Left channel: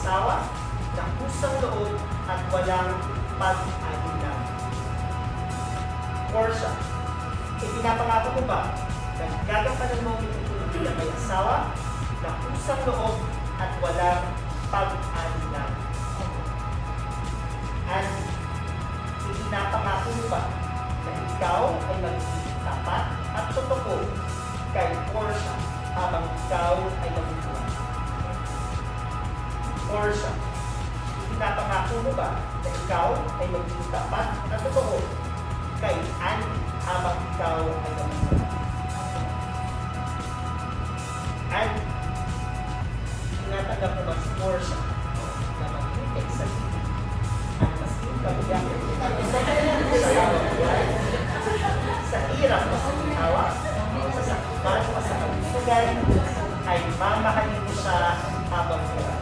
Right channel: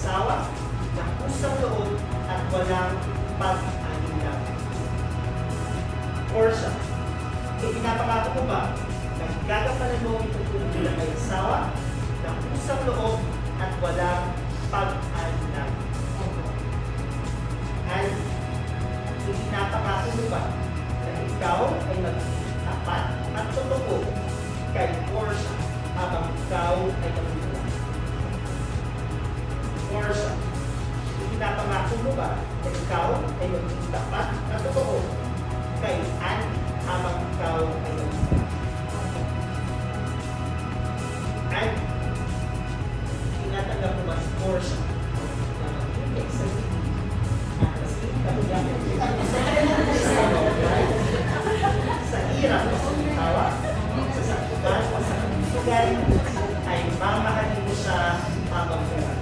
asawa na kusang loob at walang pag-alila. Portia, ipinapangako mo ba na gagampanan mo itong tulong bilang may asawa na kusang loob at walang pag-alila? Andy, ipinapangako mo ba na ikaw ay magiging tapat at totoo kay Portia habang ikaw ay magulang? Portia, ipinapangako mo ba na ikaw ay magiging tapat at totoo kay Andy habang ikaw ay magulang? Andy, tinatanggap mo ba si Portia na makinig sa iyo at masin kabugayan sa hirap o sa ginawa, sa sakutan o sa kalusugan, ay mamahalin mo siya habang buhay?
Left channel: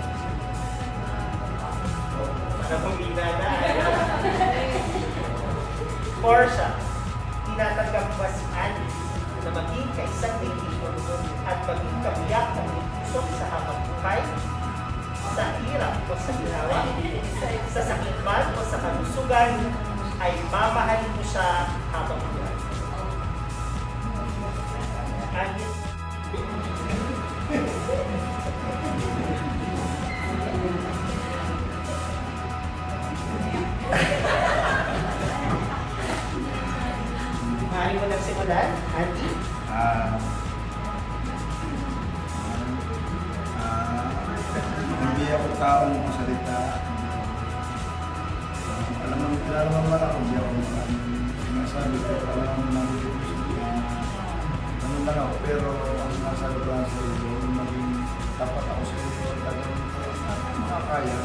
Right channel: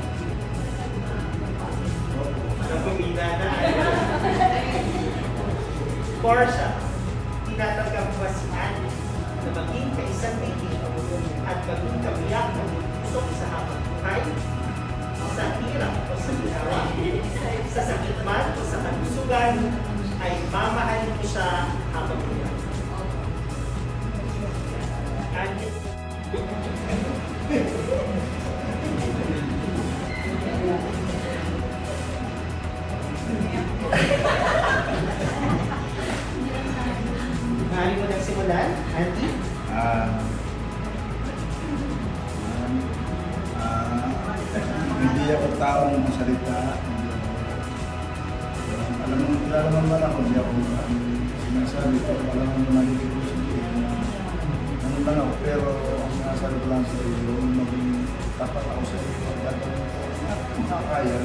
Napumila na. Portia, tinatanggap mo ba si Andy na maging kaisang bigil at maging kabiyak ng pusok sa habang buhay? Sa hirap o sa ginawa, sa sakit man o sa kalusugan, ay mamahalin mo siya habang buhay? Andy? Maaari mo nang simulan, Andy? Hindi ako taong masalita. Alam naman ako, hindi ako sinasabi, pero alam naman namin ito ano lang ako, pero ang nasa lugar ko yung maging tapat ako sa ito at gagawin ko at makakaya.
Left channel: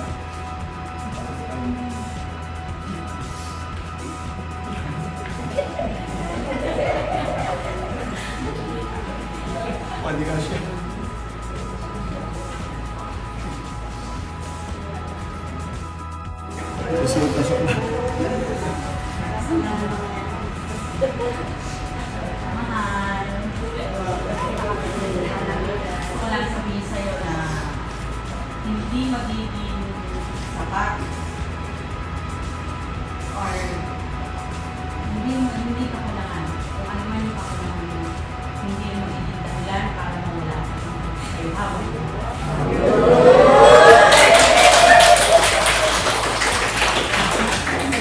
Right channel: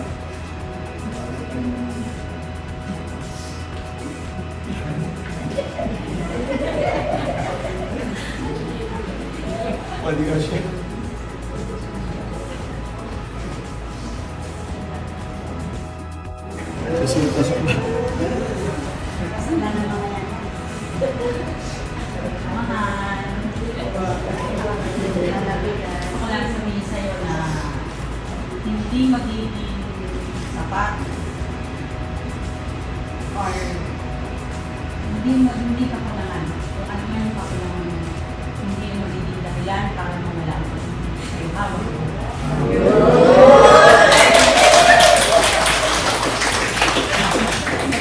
Pwede ka siya. Susunod na sa Mahal. Ako lang sabihin sa'yo na hindi magiging sapat or hindi kakulangan. Kung ano man yung kakulangan mo, hindi yung magiging dahilan para mula sa'yo habang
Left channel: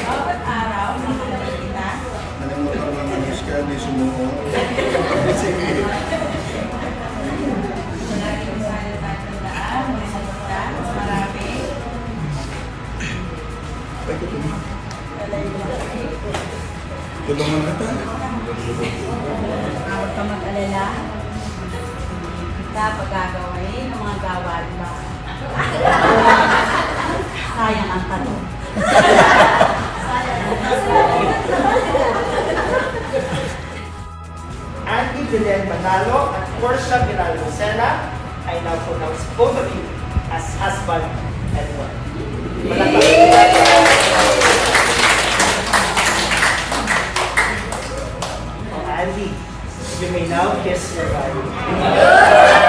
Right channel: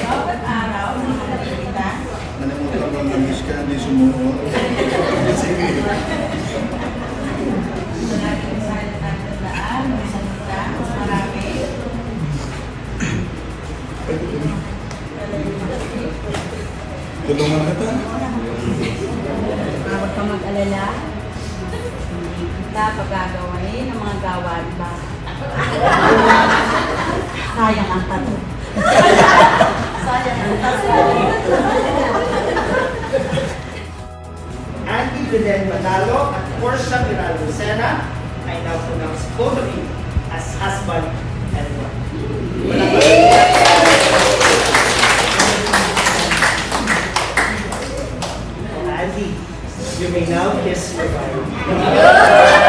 bawat araw, nakakita. nalimutan mo na miss ka, hindi sumuot. Marami kong sana tatandaan, may salita, marami. Ay, kutin. Tulungan na kita. Huwag ka mag-alala. Hindi kita pagagawin ng mga gawad ba? Sayang ang tanong. Andy Belen Manalo at Portia Miraldo Sena ay now pronounced both of you as husband and wife. Andy, you may now kiss your wife.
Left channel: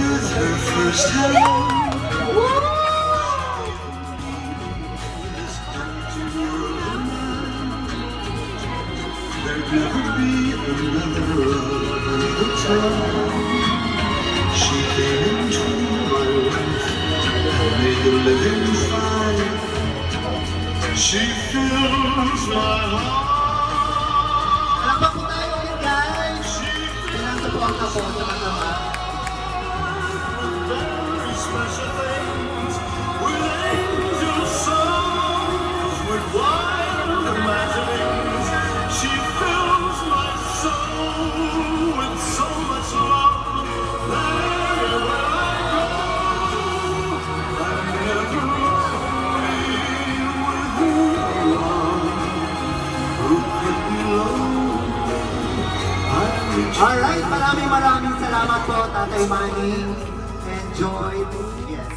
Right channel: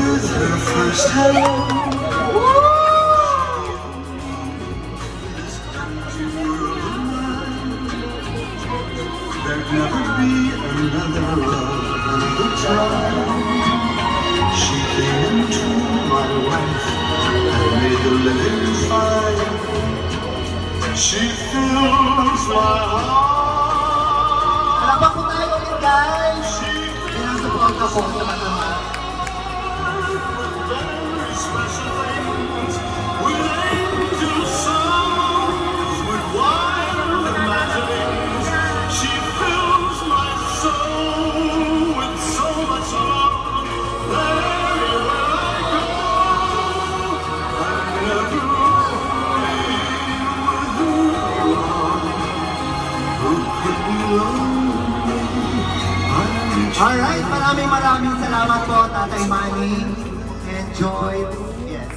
with her first hello. There'd never be another love try. She came into my life and made the living fine. She fills my heart. Palakpak po tayo ulit, guys! Kailangan support na po. Special things with angel songs, with wild imaginings. She fills my soul with so much love. Wherever I go, wherever Alright, maraming salamat po, Tatay Manny. Enjoy. Yes.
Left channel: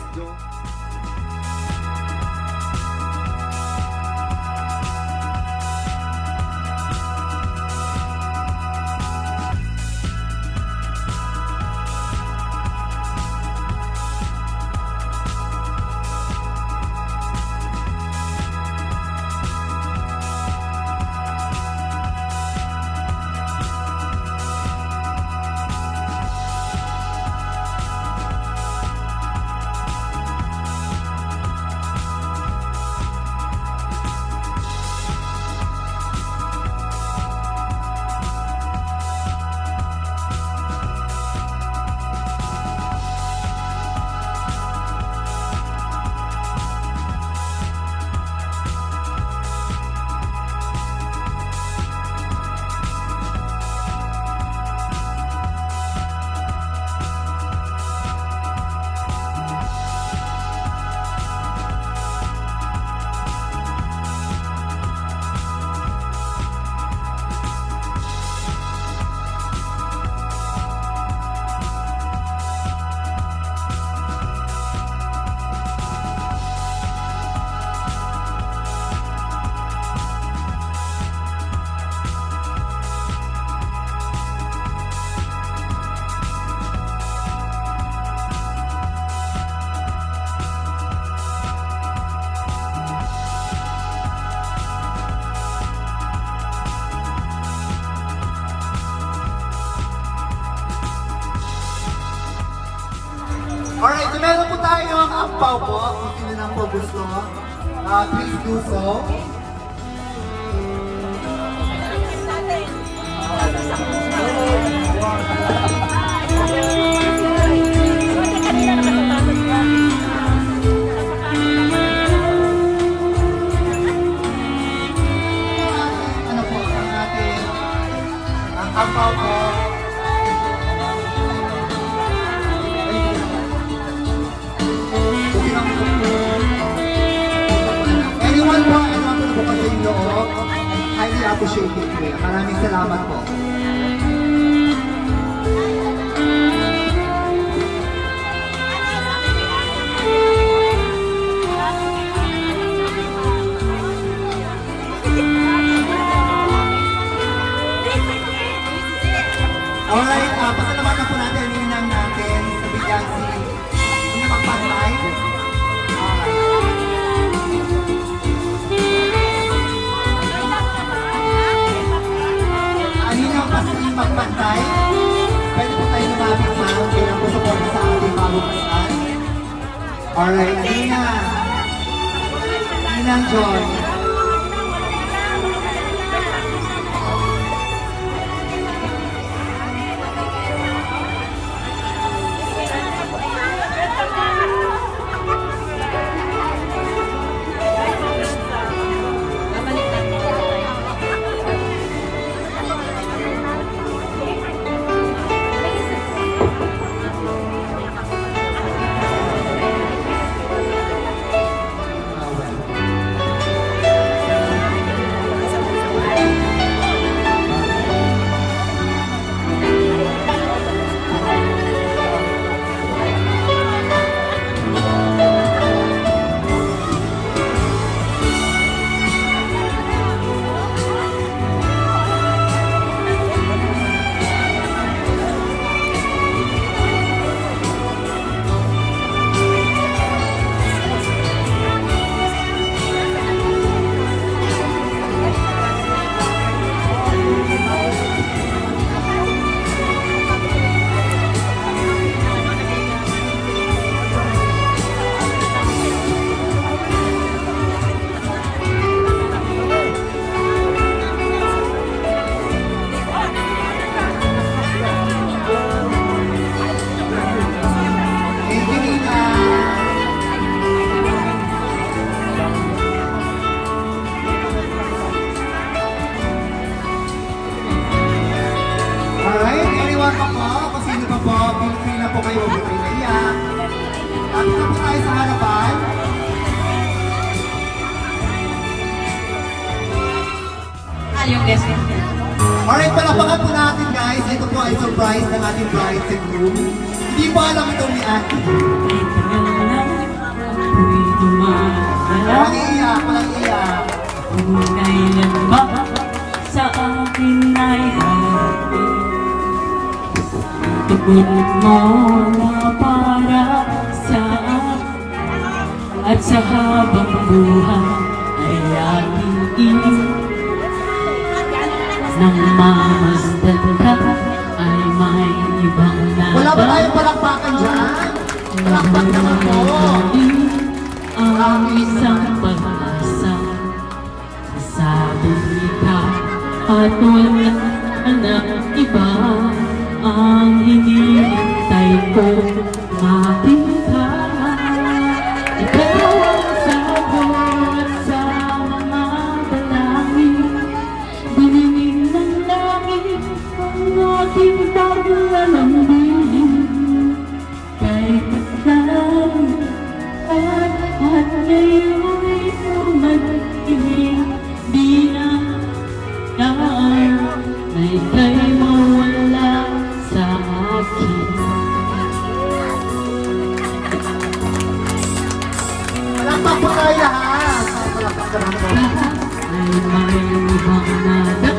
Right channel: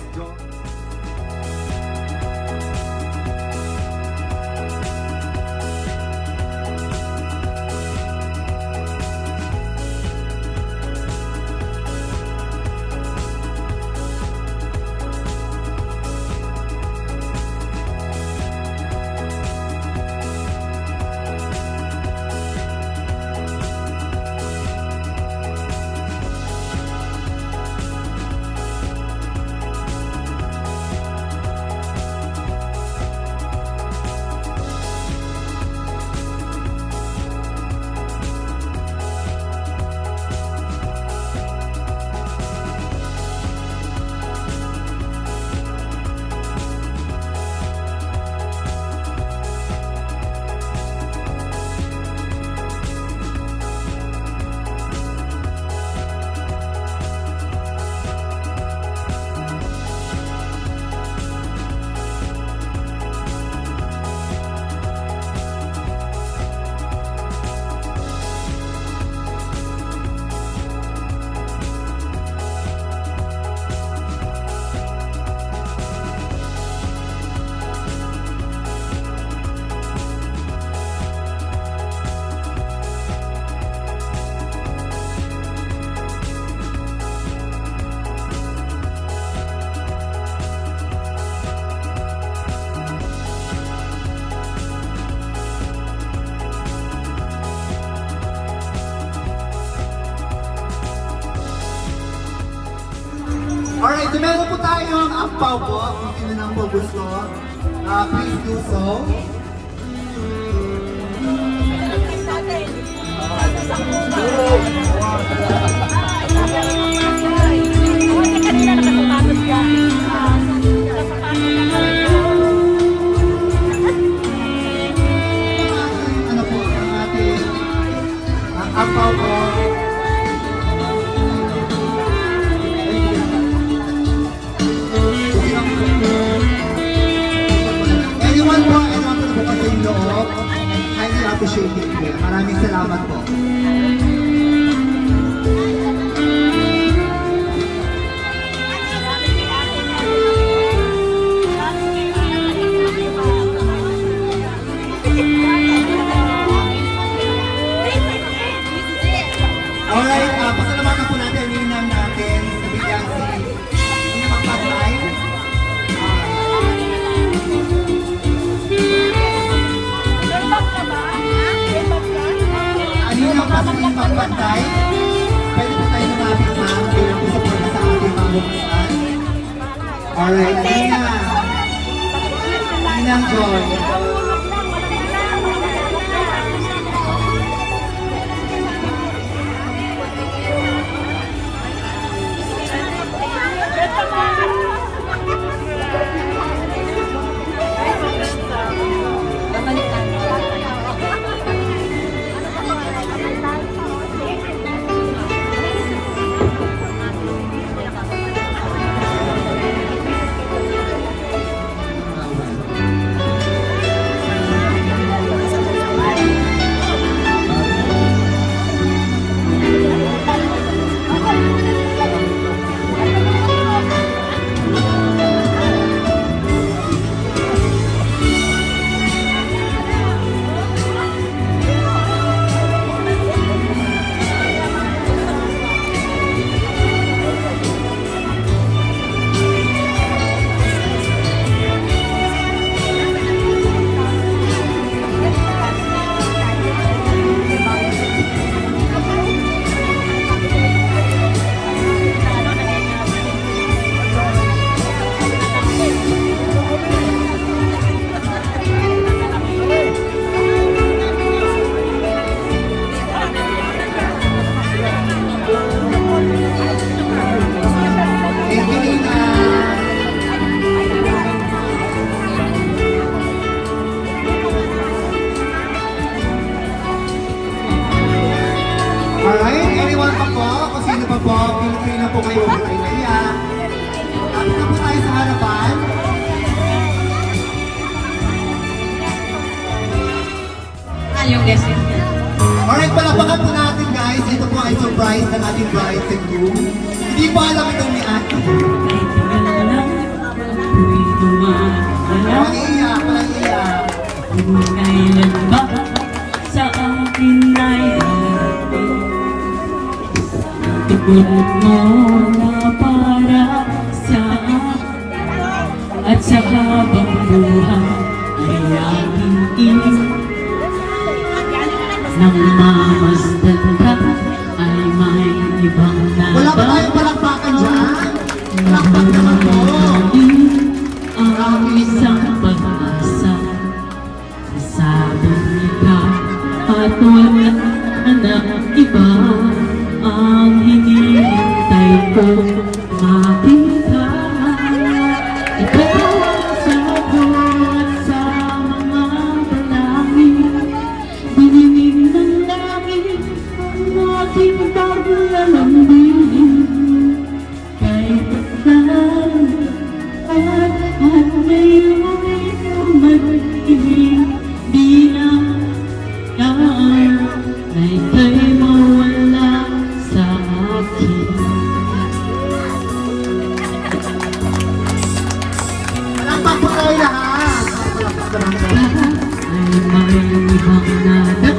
Alright, so meron po tayong ampaw po. Kung sino nang po gusto, please do so. Ano po, ang ating ampaw po. Maraming salamat po. Alright, pasalamatan po natin ang ninang natin sa bigyan si magpapay. Ano yung pasaling magpantay? Pwede po tayo lumapit, ma'am. Bilang po support sa ating pamumukan. Alright, Ninang Joy. Babalikan mo tayo. Alright, anyone pa po? Kung sino pa po, feel na po kayo, huwag kayo naiyak. Tapos na po tayo sa harapan. Yung guest yun. Alright, palapakan po natin guys. Ito po ay surprise ng ating bride and groom. Hindi po alam itong ni Ate. Walang iyak, walang iyak. Kailan ba sa aking ay harapan? Tugot mo para sa akin at sa habang buhay ay aking iyon. Nang mamasdan ka ay may ibang Wala ba nada. tayong palakpakan dyan? Ang isang pag-asa sabi ikaw at wala ng iba ang hinihintay ko makita ikaw sa buhat sa mga dalangin dininig ng langit ang aking paglalambing kahit ikaw at ngayon mag-ibig di na daan na ika'y mawala sa akin. Palakpak po tayo lahat. Ay may ibang nada.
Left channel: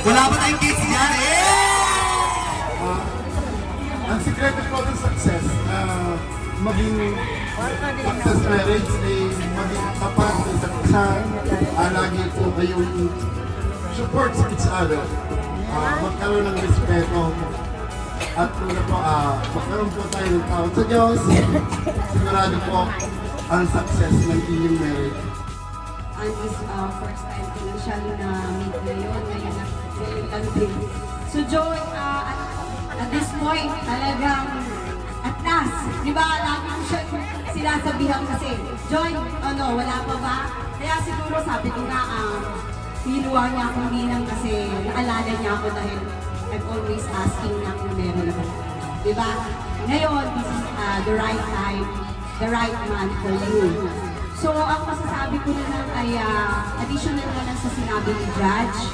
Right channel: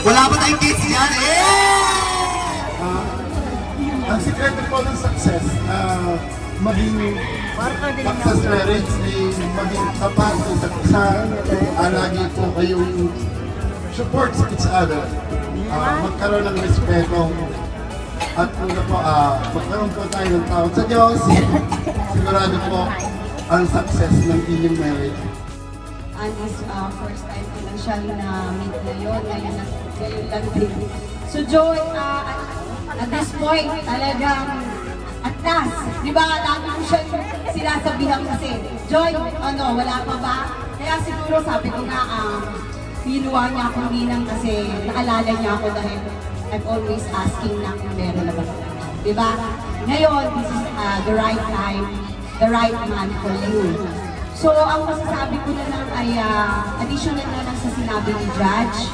Wala ba tayong kids yan? Ang sikreto po ng success, maging success marriage ay maging tapat sa isa't isa, lagi po kayong support each other, magkaroon ng respeto, at magkaroon po tayo ng tawad sa Diyos, sigurado po ang success ng inyong marriage. And this first time ko lang siya na-meet ngayon, ngayon lang din. So Joy, at this point, talagang at last, di ba, lagi ko siya sinasabihan kasi, Joy, wala pa ba? Kaya siguro sabi ko na, pinuha niya ako ninang kasi naalala niya ako dahil I'm always asking na kung meron na ba. Di ba? Ngayon, this is the right time, the right man for you. So, ang masasabi ko na lang ay additional na lang sa sinabi ni Judge.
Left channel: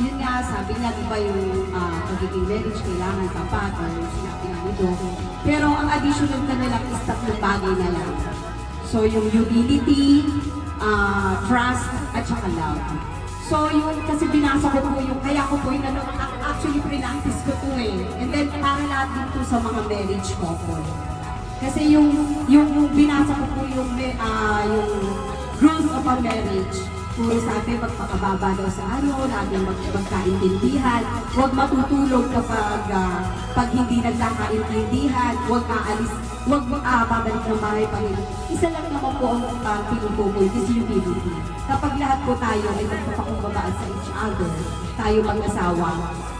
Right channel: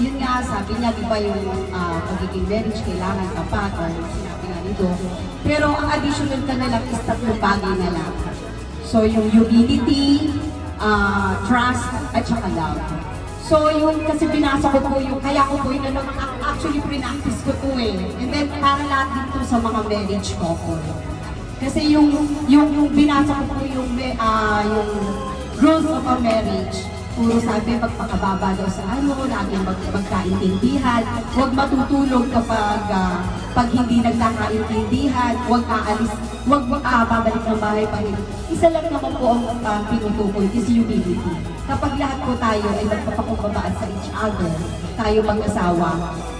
yun nga, sabi niya, di ba yung pagiging marriage, kailangan tapat, or sinabi nga nito. Pero ang additional ka na lang is tatlong bagay na lang. So, yung humility, trust, at saka love. So, yung kasi binasa ko po yung, kaya ko po yung actually practice ko to eh. And then, para lahat dito sa mga marriage couple. Kasi yung binasa ko po yung rules of a marriage, puro sabi magpakababa daw sa laging magkaintindihan, huwag matutulog kapag pag hindi nagkakaintindihan, huwag aalis, huwag babalik ng bahay pag isa lang naman po ang pinutukoy is humility. Kapag lahat po tayo ay magpapakumbabaan sa each other, tayo mag-asawa,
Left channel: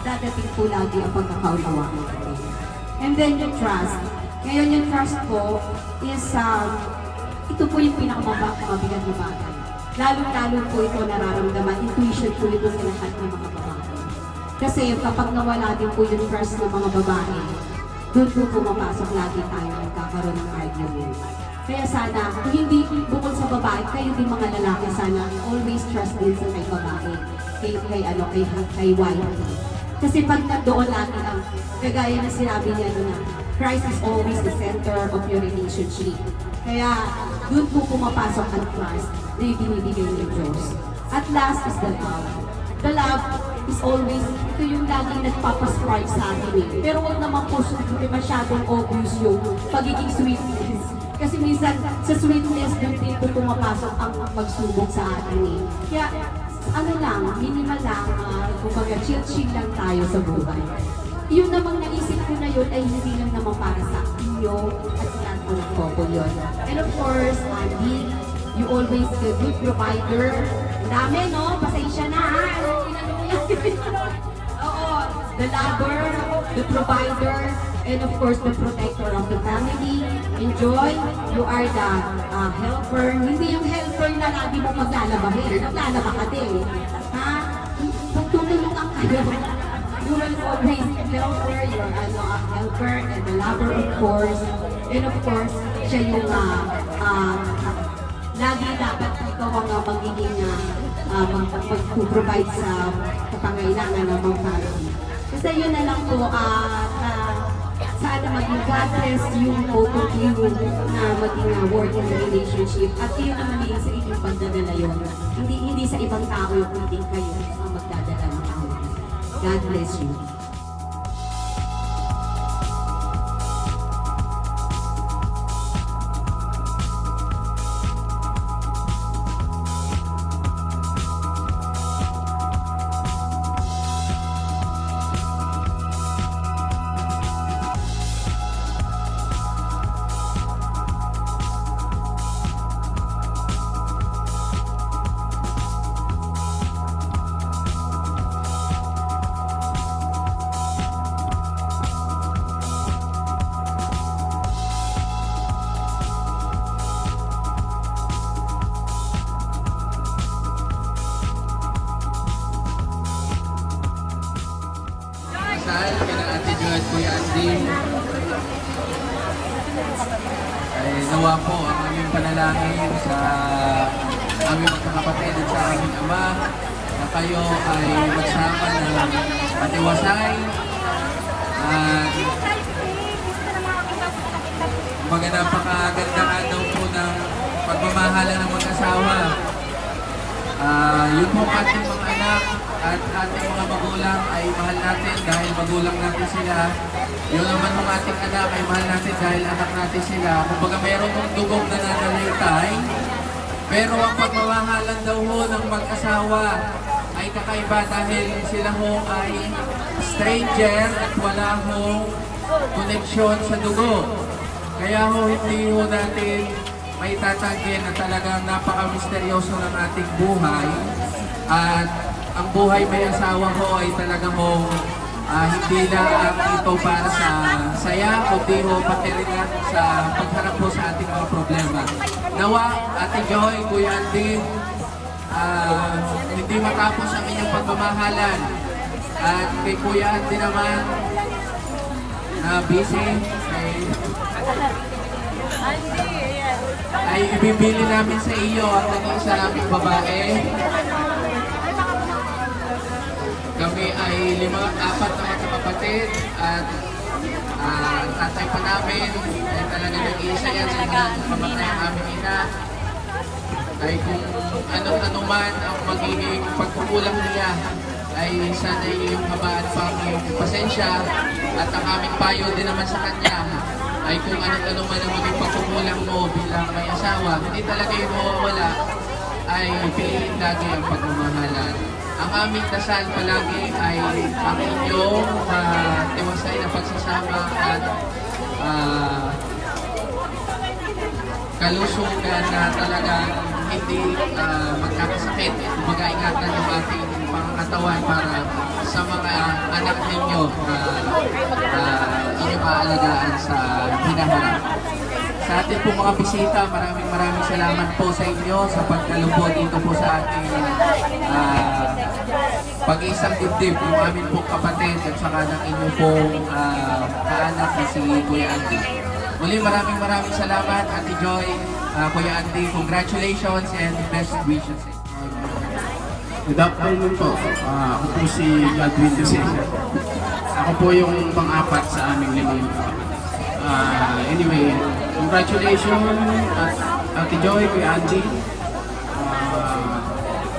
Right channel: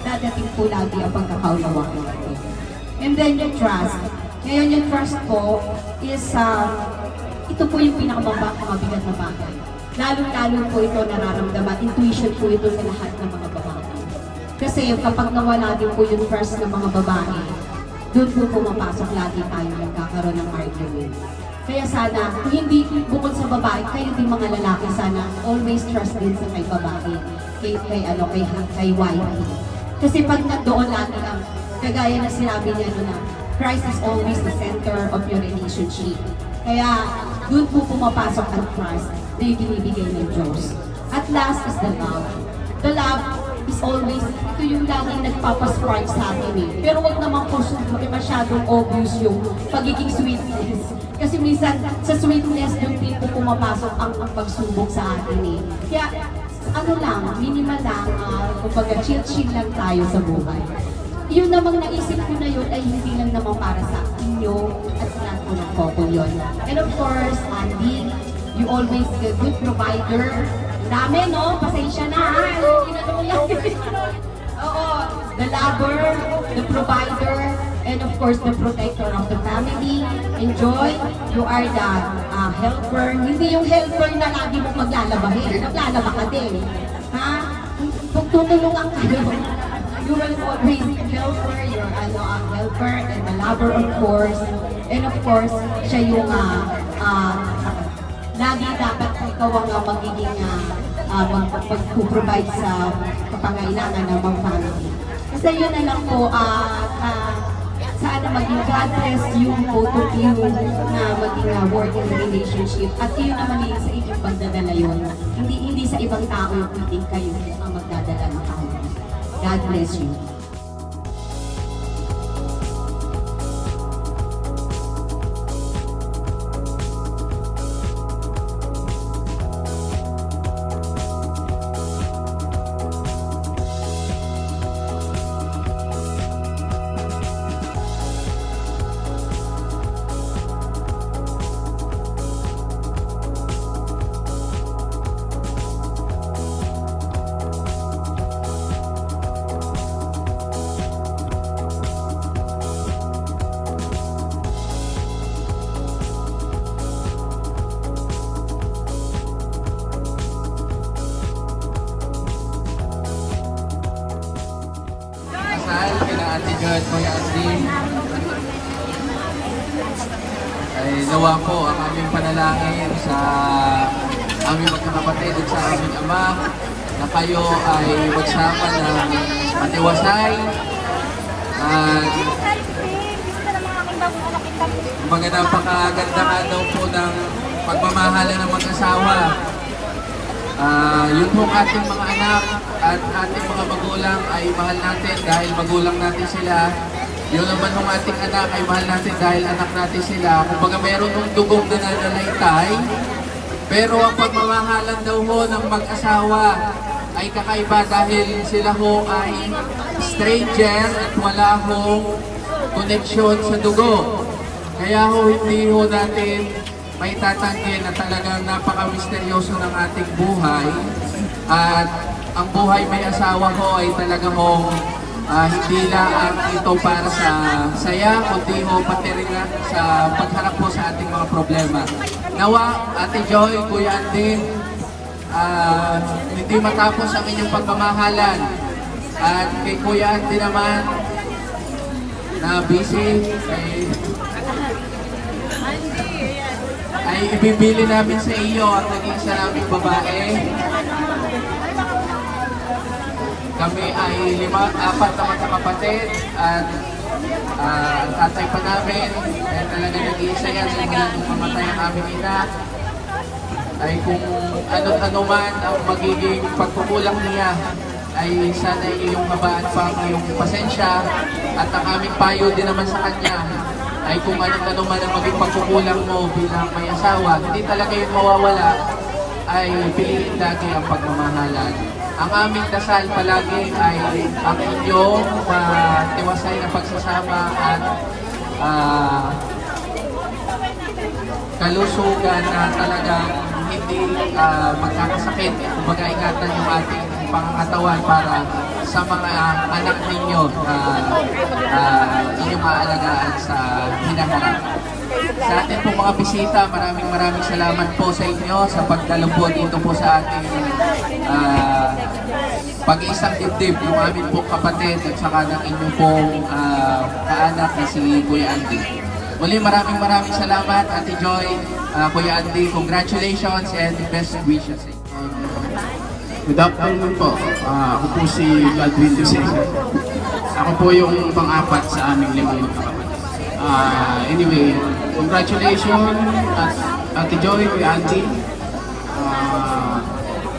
dadating to lagi ang pagkakaunawa natin. And then yung trust. Ngayon yung trust ko is, ito po yung pinakamabigat na bagay. Lalo-lalo po ito nararamdaman, intuition po ito sa lahat ng mga babae. Kasi kapag nawala din po yung trust ng mga babae, doon po pumapasok lagi tayo nagkakaroon ng argument. Kaya sana, kung hindi bukod sa babae, kayo din mga lalaki, sana always trust din sa kay babae, kay wife. Kasi pag nandoon lagi ang, kagaya na sinabi niya na, Christ is always the center of your relationship. Kaya, doon po pumapasok ang trust na ibinibigay ng Diyos. At last is the love. The love is always, ito yung laging nagpapascribe sa atin eh. Pero huwag naman po masyadong obvious yung pagiging sweetness. Kasi minsan, sa sweetness, doon din po pumapasok ang pagsubok sa atin eh. Kaya, ano lang, minimal lang, kumbaga chill-chill lang tayo sa buhay. Yun namang naisip ko na yun ay hindi lang naman para sa inyo at sa lahat po ng couple yun. And of course, Andy, you always the good provider. Dami, no? Pasensya na, ha? Oo, the lover, the provider, and of course, the protector of the family. Enjoy, you are the helper. Hindi yung helper na lagi mo maglalabahin. Maglalaba ka din. Ha? Kung tutulungan kayo, you will always helper, you're a helper and a lover of course. And of course, siya yung lagi dapat ikaw ang magiging mag-provide sa kapangailangan ng mga family. Kasi yun na lang po, sana maging God bless you, both of you, na maging working relationship. At yun naman yung sa inyong pagdadala yun. Hindi sa ibang tao yung pwedeng kayo ang magdadala ng tao. God bless you. Ay nawa po ang aming panalangin sa aming magkakapatid at sa aming ama na kayo ay magsama ng matiwasay at mga napakaganda nga daw po ng pagmamahalan ng mag-asawa. Yun po ating mga anak at ating mga magulang ay mahal natin dahil magulang natin sila. Yun naman ng ating anak ay mahal natin dahil anak natin sila. Kumbaga meron ng dugong na nananaitay, pero ang pagmamahalan daw ho ng mag-asawa ay kakaiba dahil sila ho ay stranger at wala ho connection sa dugo. Kaya ho hindi ho natin may tatanggi na talagang napaka-misteryoso ng ating buhay. At ang buhay may asawa ho ay talagang hindi lang ito para sa saya, kundi ho pati rin sa pagharap po sa ating mga problema. Nawa, Ate Joy, Kuya Alvin, hindi matapos ang inyong pagmamahalan. At kay Kuya Alvin naman, na busy, ay ibibili namin sa iyo at naging sa aming babae. apat na magkakapatid at ang tatay pa namin ay talaga nag-iisa yan simula nung kamatay ang aming ina. Ay kung ano man ang magiging pagkukulang niya ay sana iyong habaan pa ang iyong pasensya at ang aming payo din naman sa kanya ay kung ano man ang maging pagkukulang mo bilang may asawa, hindi talaga yung mawawala ay piliin lagi ang pagmamahalan. Ang aming dasal palagi ay ang inyong tiwasay na pagsasama at kalusugan na talagang hindi magkakasakit. Kumbaga ingatan yung ating pangangatawan para sa mga anak ninyo na inyong maalagaan sa hinahanap. Sa ating po mga bisita, maraming salamat po sa inyo sa pagkalubod dito po sa ating pag-iisang dibdib, yung aming po kapatid at saka ng inyong pong kaanak na si Kuya Andy. Muli maraming salamat, Ate Joy, Kuya Andy, congratulations and best wishes. Good afternoon po. Ako po si Gladwin Lucena. Ako po yung pang-apat sa aming 5 kapatid. Anyway, congratulations Ate Joy, Kuya Andy.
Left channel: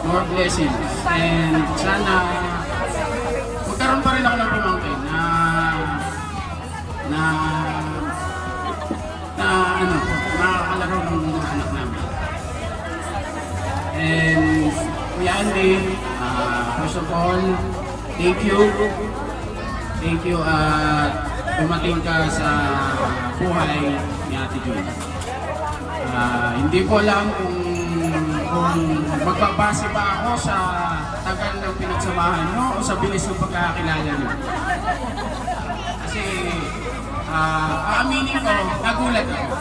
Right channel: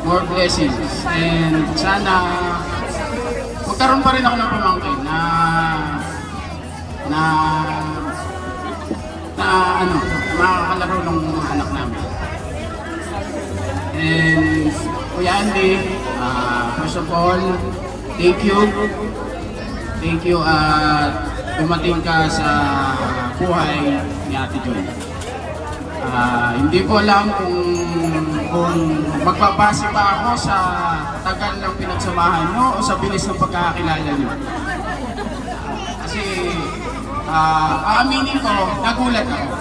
More blessings. And sana magkaroon pa rin ako ng pamangkin na makakalaro ng mga anak namin. And Kuya Andy, first of all, thank you. Thank you at dumating ka sa buhay ni Ate Joy. Hindi ko alam kung magbabase pa ako sa tagal ng pinagsamahan mo o sa bilis ng pagkakakilala mo. Kasi aaminin ko, nagulat ako.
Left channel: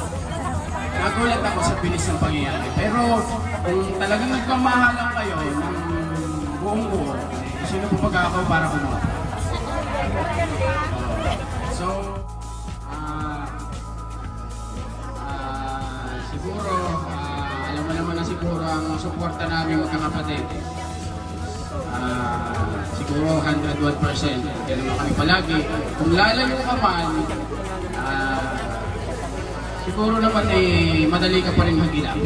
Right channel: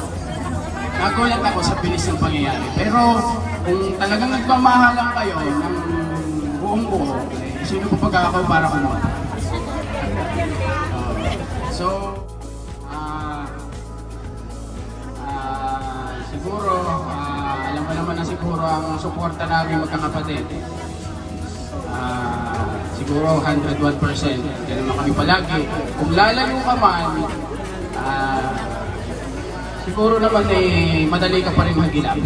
Nagulat ako sa bilis ng pangyayari. Pero kung talagang nagmamahalan kayo ng buong buo, sino po pag ako para kumawa? So, siguro, alam mo naman na siguro ang suporta namin magkakapatid. Siguro 101%. Ganun lang kami palagi. Kung lalayo ka man, siguro naman madali ka pa rin mag-ilap.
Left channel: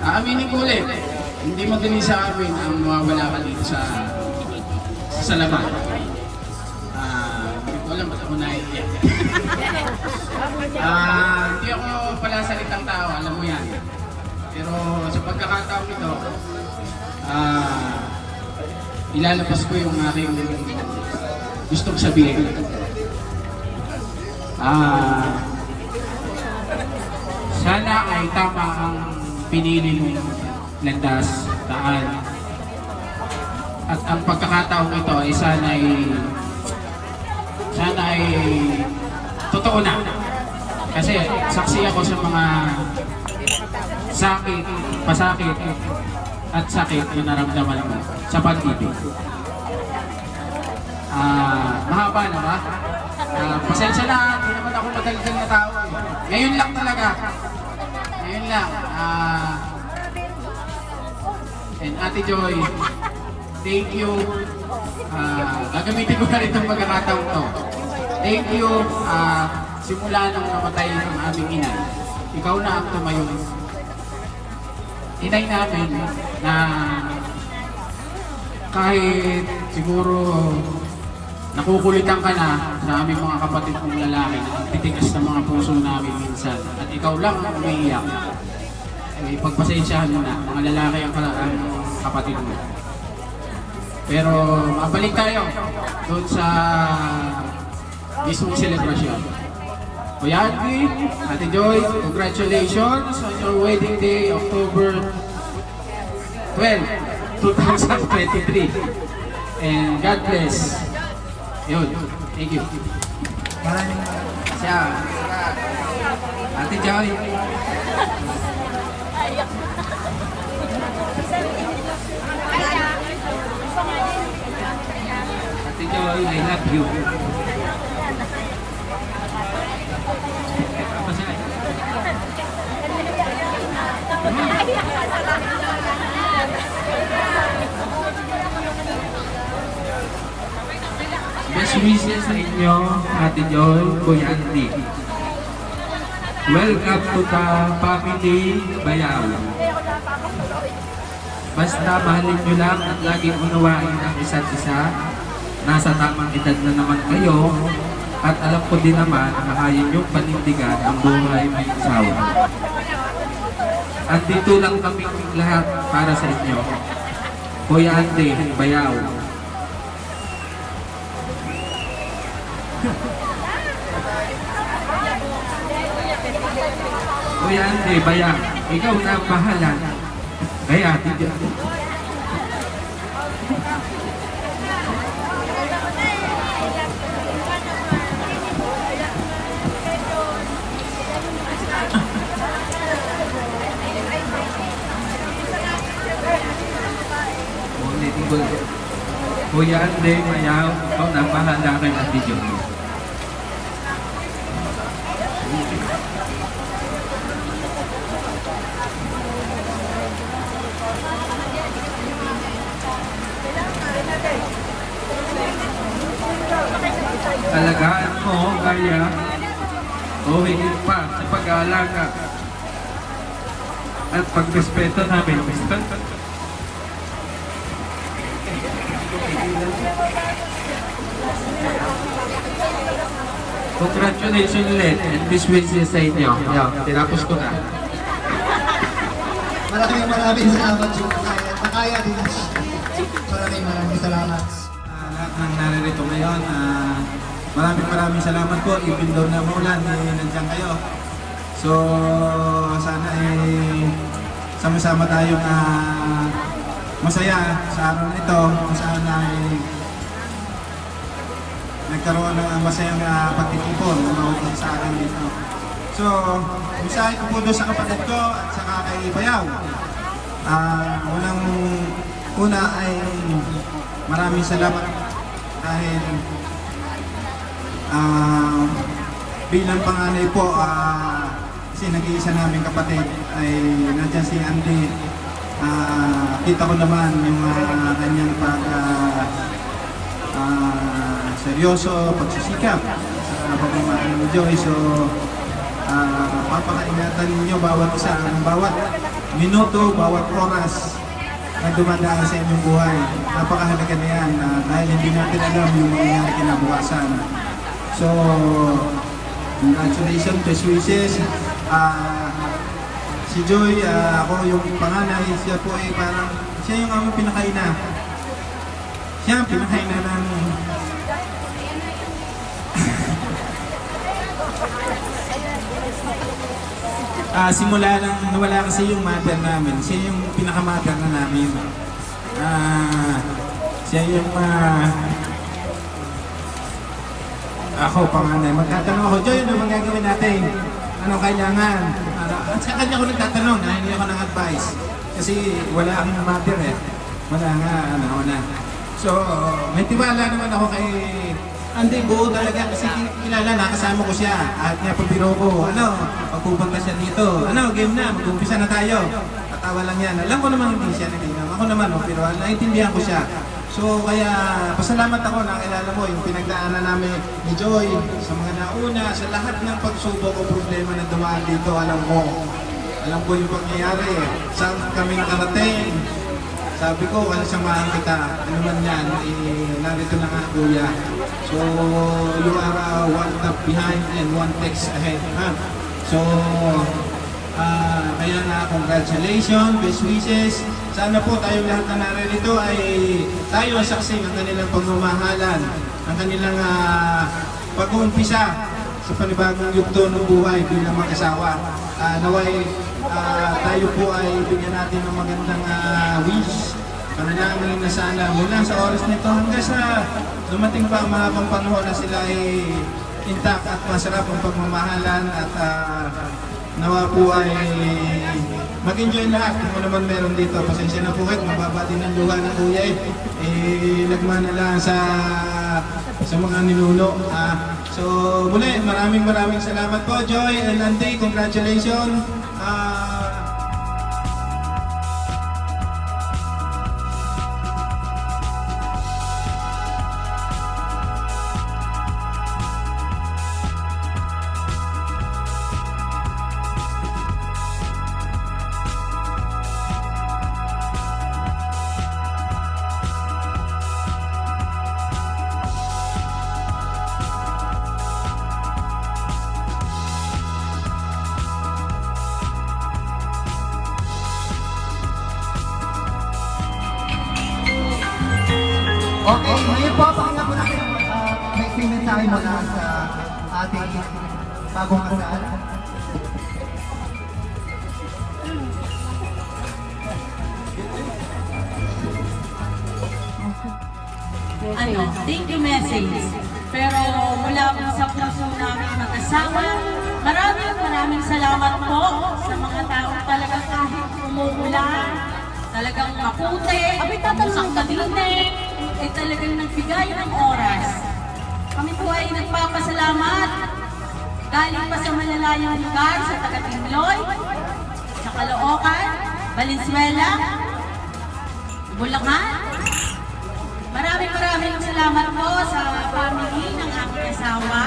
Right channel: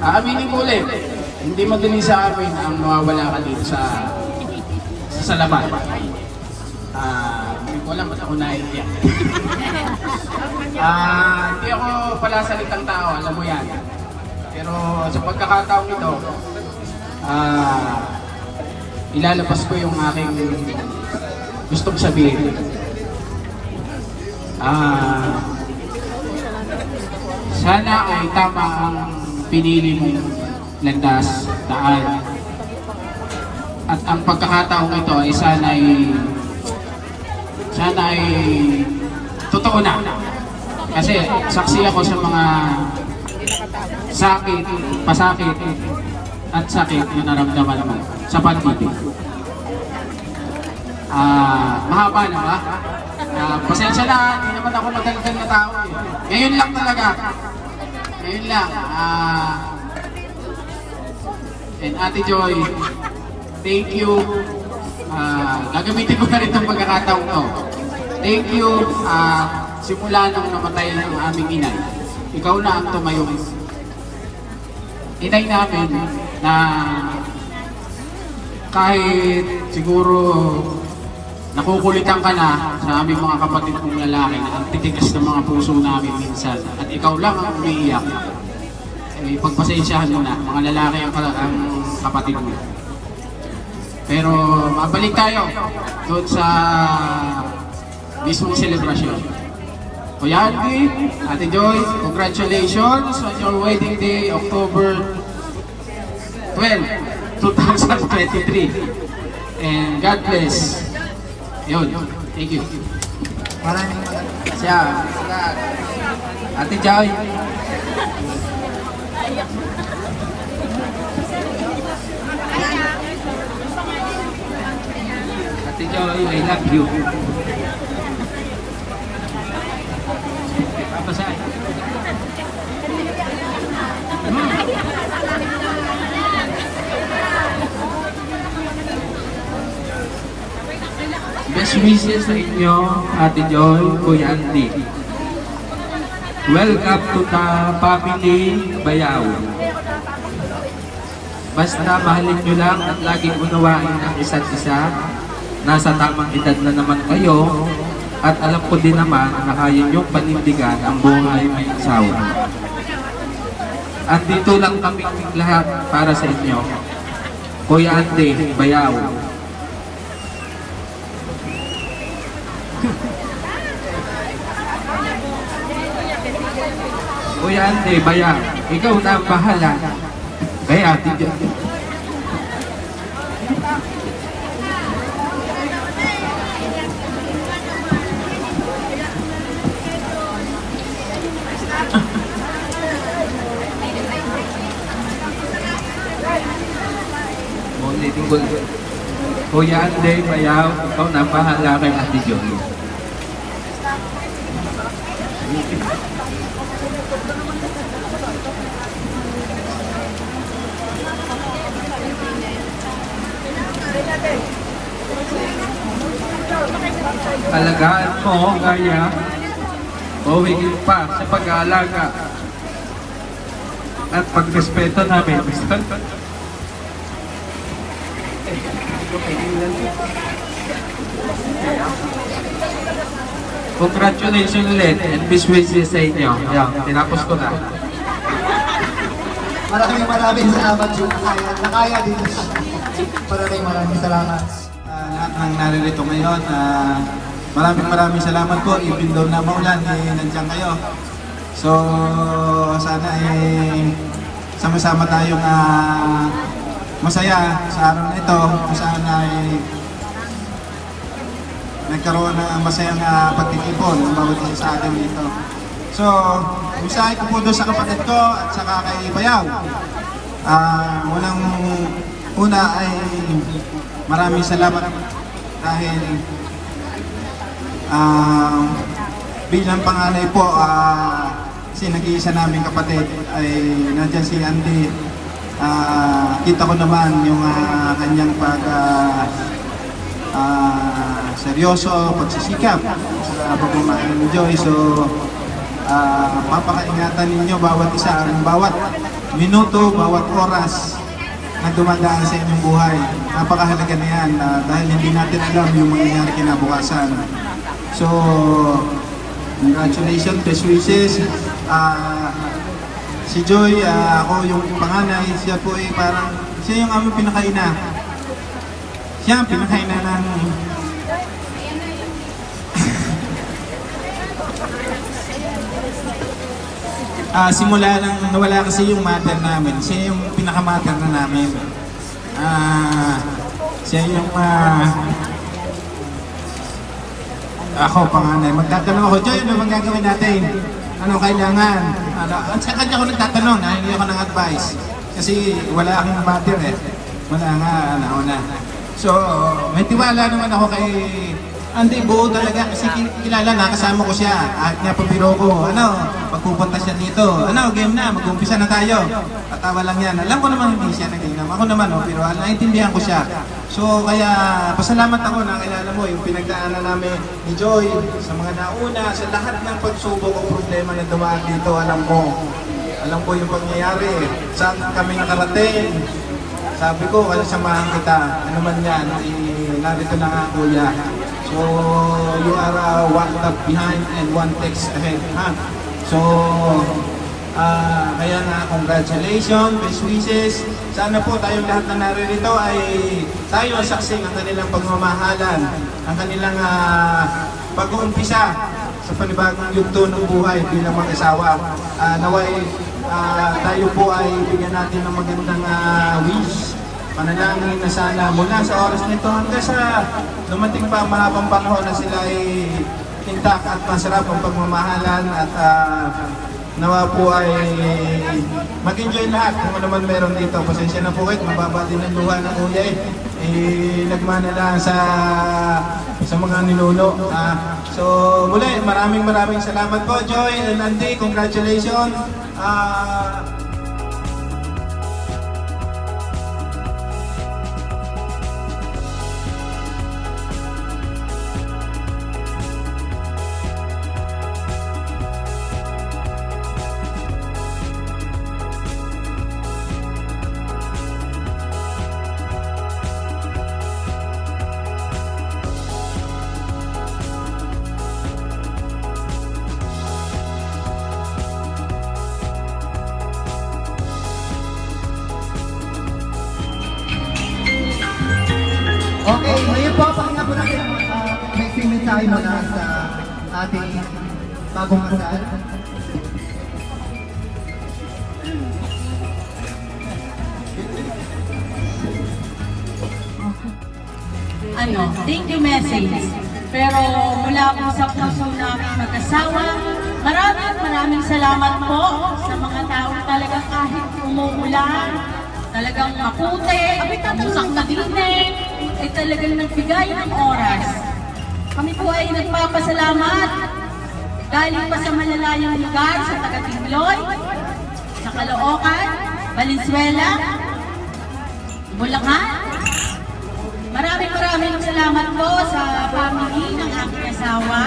Aaminin ko ulit, hindi madali sa amin ang nawawala ka dito sa laban. Hindi ko alam ba't ako naiiyak. Hindi ako palasalitang tao, alam mo yan. Pero sa pagkakataong ito, ilalabas ko yung aking gustong sabihin. Sana ay tama ang pinili mong landas, daan. At ang pagkakataong ito ay sana ay totoo na. Kasi saksi ako sa mga sakit, pasakit, at sakit na naramdaman mo sa pag-ibig. Mahaba na ba? Pasensya na, hindi naman ako madaligan na tao eh. Ngayon lang talaga. Ngayon lang. And Ate Joy, thank you. Gagamitin ko na rin itong pagkakataong to. Thank you. Simula nung namatay ang aming ina, ikaw na ang tumayong inay namin na kahit siguro nakukulitan ka na sa aming mga kapatid kong lalaki na ang titigas ng mga puso namin minsan at ikaw lang ang umiiyak, eh, pagpasensyahan mo na, mga lalaki ang kapatid mo. Pero mabalik tayo doon sa mismong selebrasyon. Kuya Andy, Ate Joy, congratulations on your wedding day, October 12, 2023. And God bless. Yun, thank you. Siya, Ate Joy. Ate Joy, I love you. Apa sa? wishes sa inyo, Ate Joy, Kuya Andy. Welcome to the family Bayaw. Basta mahalin nyo lang at laging unawain ang isa't isa. Nasa tamang edad na naman kayo at alam ko din naman na kaya nyong panindigan ang buhay may asawa. At dito lang kami lahat para sa inyo. Kuya Andy, Bayaw. Kuya Andy, Bayaw, ikaw na ang bahala. Kaya, tigil. Kuya Andy, Bayaw, ikaw na ang bahala kay Ate Joy. Alagaan mo, kaya o higit pa sa pag-aalaga at pagrespeto namin. Congratulations ulit and best wishes sa inyo. Yan, tinapos ko na. Maraming salamat yung nakaya din. Maraming salamat. Lahat ng naririto ngayon. Maraming salamat po. Even though na maulan, nandiyan kayo. So, sana sama-sama tayong masaya sa araw na ito. Sana nagkaroon ng masayang pagtitipon ng bawat sa akin dito. So, usahin ko po doon sa kapatid ko at saka kay Bayaw. Una ay maraming salamat dahil bilang panganay po, kasi nag-iisa namin kapatid ay nandiyan si Andy. Kita ko naman yung kanyang seryoso, pagsisikap sa pagmamahal ni Joy. So, papakaingatan ninyo bawat isa, bawat minuto, bawat oras na dumadaan sa inyong buhay. Napakahalaga na yan dahil hindi natin alam yung mangyayari kinabukasan. So, congratulations, best wishes. Si Joy, ako yung panganay, siya po ay parang, siya yung aming pinakaina. Siya ang pinakaina ng simula nang nawala kasi yung mother namin, siya yung pinaka-mother na namin. Siya yung ako, panganay. Magtatanong ako, Joy, ano bang gagawin natin? Ano kailangan? At sa kanya ako nagtatanong, hindi ako ng advice. Kasi wala akong mother eh. Wala nga, ako na. So, may tiwala naman ako kay Andy, buo talaga kasi kilala na, kasama ko siya. At napabiro ko, pagpupunta siya dito. Game na, mag-umpisa na tayo. Tatawa lang yan. Alam ko naman hindi siya nag-inom. Ako naman, pero naintindihan ko siya. So, kaya pasalamat ako na kilala mo yung pinagdaanan namin ni Joy sa mga nauna, sa lahat ng pagsubok o problema na dumaan dito. Alam ko yung pangyayari. Saan kami nakarating. Sabi ko, samahan kita. Ano man yan, narito na nga kuya. So, you are one step behind and one text ahead. So, kaya na, congratulations, best wishes. Sana po tayong lahat na naririto ay tayo saksi ng kanilang pagmamahalan, ang kanilang pag-uumpisa sa panibagong yugto ng buhay bilang mag-asawa. Naway, tayo po ay bigyan natin ng magandang wish. Manalangin na sana mula sa oras nito hanggang sa dumating pa marapang panahon na sila ay intact at masarap ang pagmamahalan at nawa po ay mag-enjoy lahat kung naman meron dito. Pasensya na po kayo, mababati ng luha ng kuya nagmana lang sa mga ninuno. So muli, maraming salamat po Joey and Andy, congratulations. po, pakita po natin may mensahe muna sa ating bagong kasal. Thank you message. Pero mula po sa puso namin mag-asawa, maraming salamat po sa mga taong talagang kahit umuulan, talagang maputi, mamusak na dinig, ay talagang nagbigay ng oras. Kami po ay nagpapasalamat galing pa sa malalayong lugar sa taga-Tingloy, sa Caloocan, Valenzuela, Bulacan. Maraming salamat po sa family ng aking asawa.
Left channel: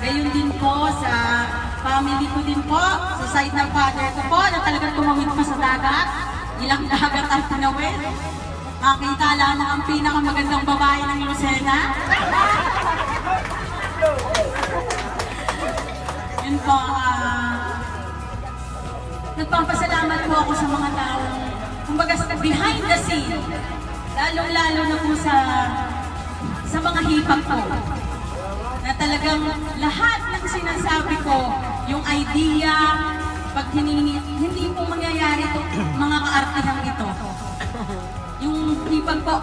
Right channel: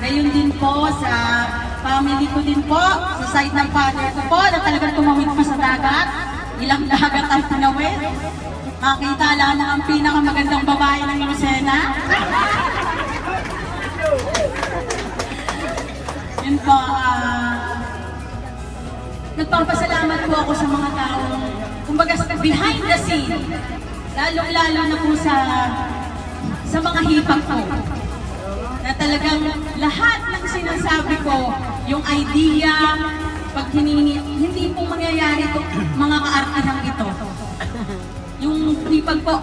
Gayon din po sa family ko din po, sa side ng father ko po na talagang tumawid po sa dagat. Ilang dagat ang tinawid. Makita lamang ang pinakamagandang babae ng Lucena. Yun po, nagpapasalamat po ako sa mga taong, kumbaga behind the scene. Lalong-lalo na po sa mga hipag ko. Na talagang lahat ng sinasabi ko, yung idea, pag hindi po mangyayari ito, mga kaartihang ito. Yung hipag po,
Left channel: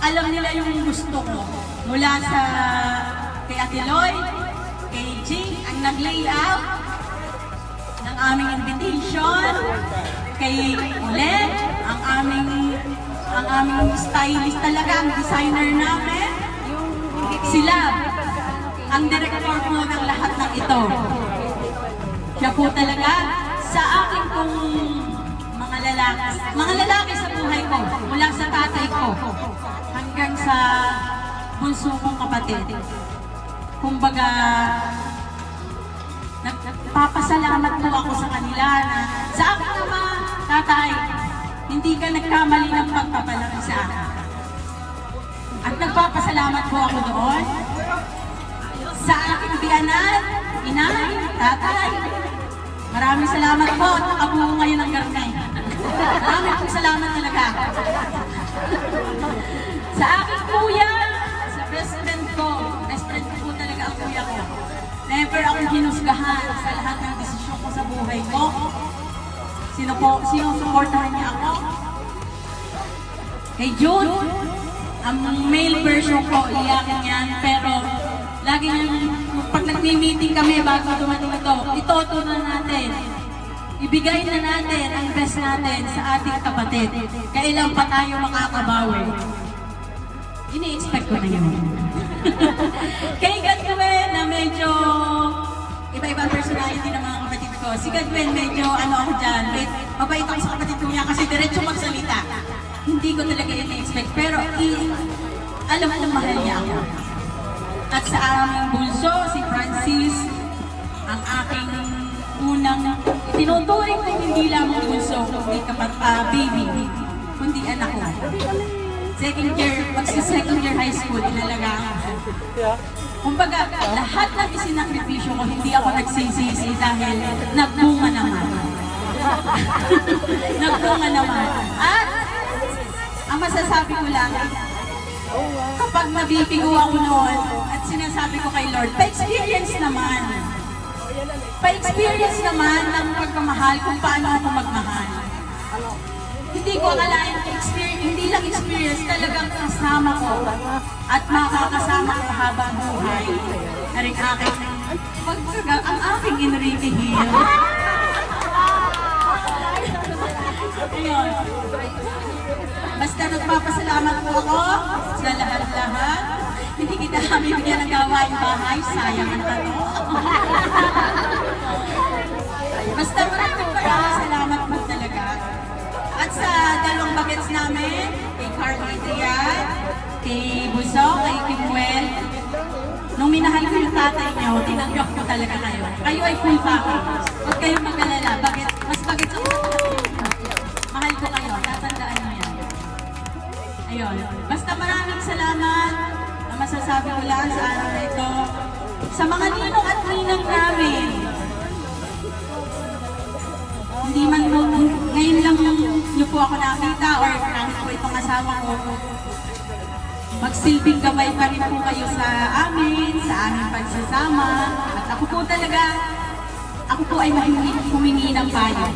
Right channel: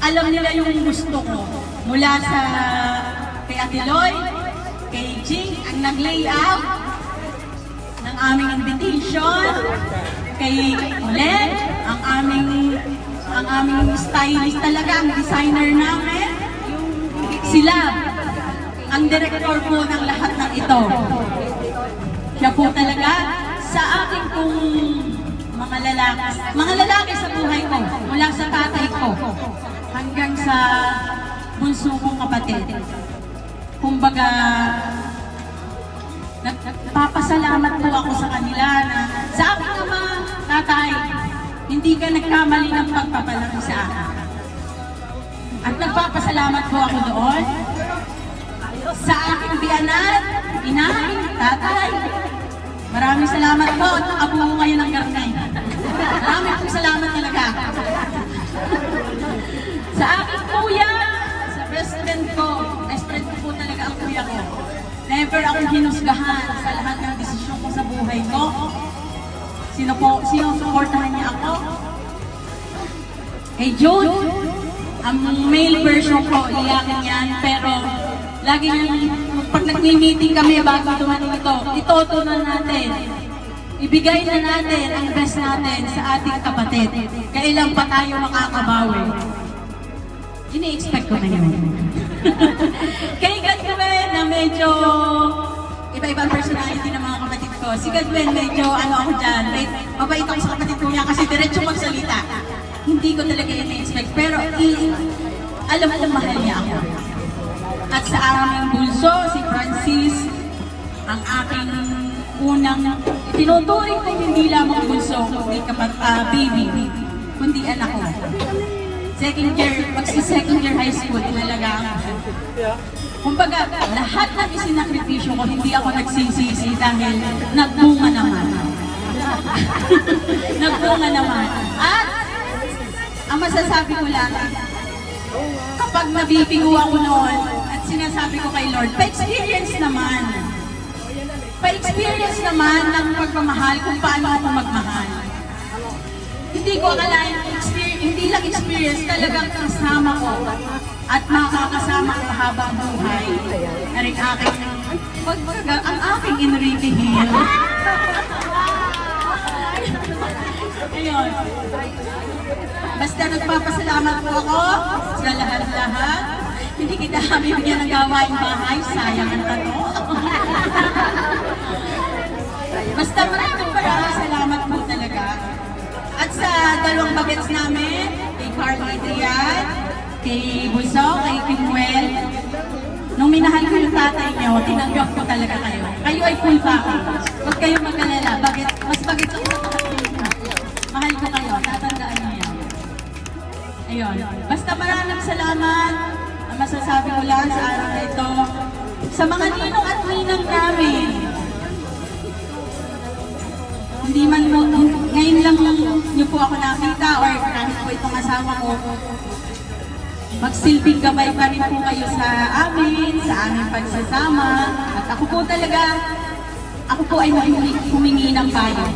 alam nila yung gusto ko. Mula sa kay Ate Loy, kay Jing, ang nag-layout ng aming invitation, kay Len, ang aming stylist talaga, ang designer namin. Sila, ang director po ng lahat ng ito. Siya po talaga sa aking pong mga lalaki sa buhay ko, mula sa tatay ko, hanggang sa bunso kong kapatid. Kumbaga, nagpapasalamat po ako sa kanila na sa aking ama, tatay, hindi ka nagkamali ng pagpapalaki sa akin. At nagpapasalamat po ako doon sa aking biyanan, inay, tatay. Maraming salamat po at nakabuo ngayon ng garnay. Maraming pong salamat talaga. Sa aking kuya, sa best friend ko po talaga ang kuya ko. Never akong hinusgahan sa lahat ng desisyon ko sa buhay ko. Sino supportahan niya ako? Kay Jude, ang male version ko, iyakin yan, pero lagi pag nag-meeting kami bago dumating ito na natin. Ibigay na natin ang best natin sa ating kapatid. Kailan pa tayo makakabawi? Ini-expect ko na yun. Kay Gadwen na medyo iba-ibang personality ng mga kapatid ko. Si Gadwen medyo ako dyan. Mabait ako sa kapatid ko niya kasi diretso magsalita. Hindi ko talaga ini-expect. Pero alam ko mahal niya ako. At sa aming bunso, si Francis, ang aking unang itinuturing ko hindi lamang bunso, kundi baby, kundi anak ko. Magsi-second year high school, inalagaan ko. Kumbaga, lahat ng isinakripisyo ko, hindi ako nagsisisi dahil nagbunga naman. Nagbunga naman. At, ang masasabi ko lang, kapag nabibigo ako noon, at sinasabi ko kay Lord, pa-experience naman. Pa-experience naman ng pagmamahal kung paano ako magmahal. Hindi ko akalain, hindi lang experience, talagang kasama ko at makakasama ko habang buhay na rin ang aking Enrique Hill. Ayun. Basta nagpapasalamat po ako sa lahat-lahat. Hindi kita kami bigyan ng gawain bahay, sayang ang tanong. Basta maraming salamat po talaga. At sa dalawang bagets namin, kay Carl Adrian, kay Buso, kay Kimuel, nung minahal ko yung tatay niyo, tinanggap ko talaga kayo. Kayo ay cool pa ako. Huwag kayong mag-alala. Mas bagets ako sa tatay niyo. Mahal ko kayo. Tatandaan niyo yan. Ayun. Basta maraming salamat. Ang masasabi ko lang sa araw na ito, sa mga ninong at ninang namin, hindi man ngayon lang niyo po ako nakita or kahit po itong asawa ko, magsilbing gabay pa rin po kayo sa amin, sa aming pagsasama. At ako po ay humingi ng payo.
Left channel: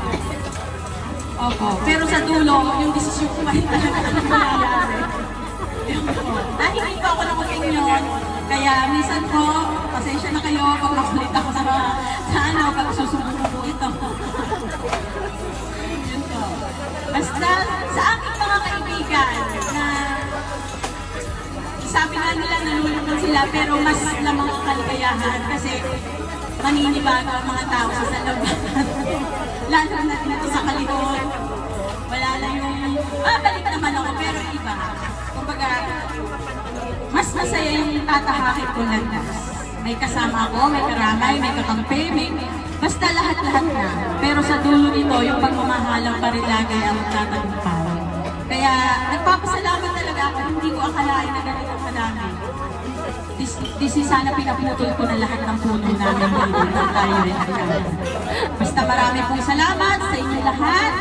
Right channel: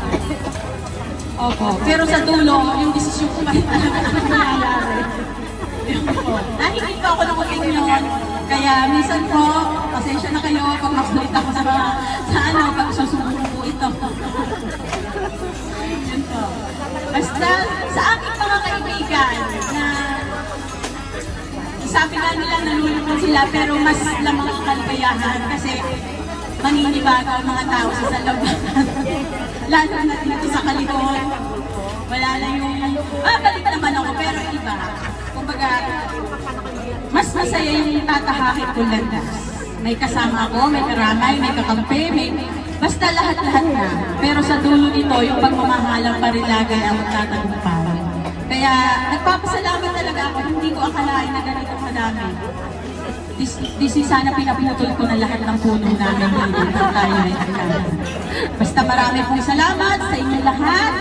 Opo. Pero sa dulo, yung desisyon ko pa rin talaga ang nangyayari. Dahil hindi po ako ng opinion, kaya minsan po, pasensya na kayo pag makulit ako pag susubukan po ito. Yun po. Basta sa aking mga kaibigan na sabi nga nila nalulungkot sila pero mas lamang ang kaligayahan kasi maninibago ang mga tao sa salaman. Lalo na dito sa Kalibon. Wala na yung, balik naman ako pero iba. Kumbaga, mas masaya yung tatahakin ko landas. May kasama ako, may karamay, may kakampi, basta lahat-lahat na. Pero sa dulo nito, yung pagmamahalang parilagay ang magtatagumpay. Kaya nagpapasalamat talaga ako, hindi ko akalain na ganito kadami. This is sana pinaputol ko na lahat ng puno namin dito tayo ay basta marami pong salamat sa inyo lahat.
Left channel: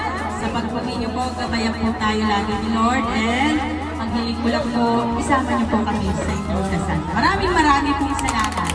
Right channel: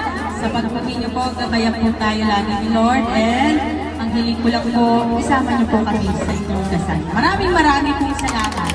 Sa pagpagin niyo po, gabayan po tayo lagi ni Lord. And ang hiling ko lang po, isama niyo po kami sa inyong kasal. Maraming pong salamat.